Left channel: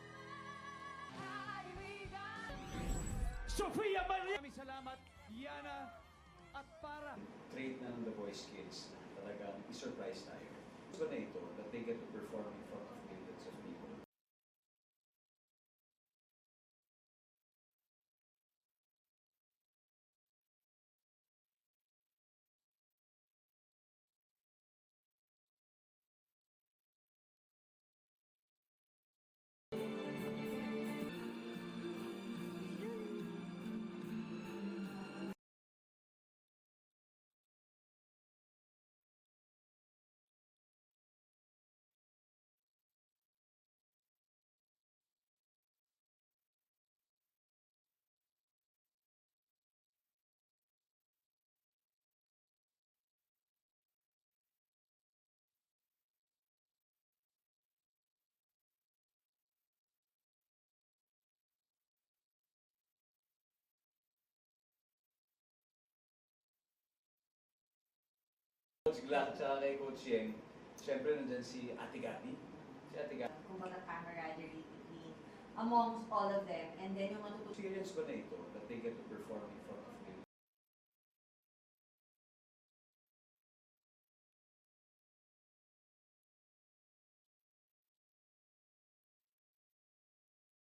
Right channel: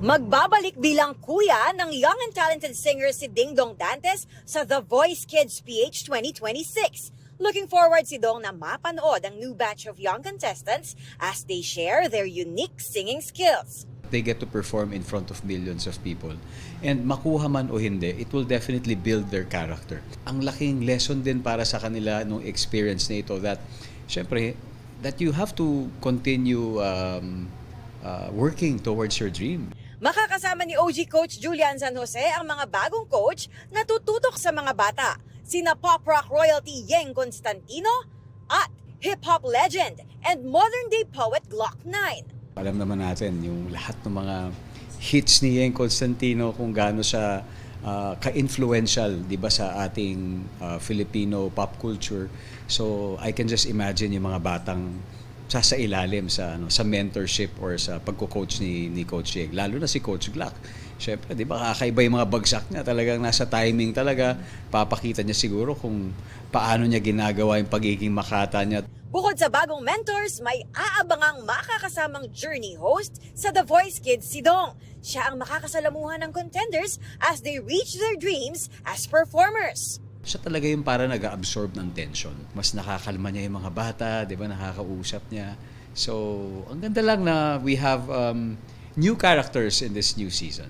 Magbabalik bilang kuya ng young and talented singer si Ding Dong Dantes sa The Voice Kids PH 2026. Looking forward si Dong na mapanood ang new batch of young contestants as they share their unique singing skills. They get to perform in front of millions of people. And makuha man o hindi, it will definitely build their character. Ang laking lesson din para sa kanila nung experience na ito that, syempre, that you have to continue working towards your dream. Makakasama ni OG Coach Julian San Jose ang mga bagong coach na tututok sa mga bata. Sina pop rock royalty Yeng Constantino at hip-hop legend and modern-day poet Glock 9. Alam naman natin yung lahat ng mga hits ni Yeng Constantino kung gaano siya ka-influential, di ba, sa ating Filipino pop culture. So I can just imagine yung mga batang sasailalim sa mentorship or sa pagko-coach ni Coach Yeng. Lalo na si Coach Glock. Siyempre, di ba, kakaiba yung mga bagsak niya. Talagang nasa timing talaga. Papakita niya siguro kung paano niya ginagawa yung pagiging makata niya. Bukod sa bagong mentors, may aabangang makakasamang journey host sa The Voice Kids si Dong. Siya ang makakasalamuhan ng contenders as they reach their dreams as performers. Siya talaga yung para nag-absorb ng tension. Mas nakakalma niya yung mga bata, di ba, nakakausap niya. So, ang ganda lang na we have new characters in this new season.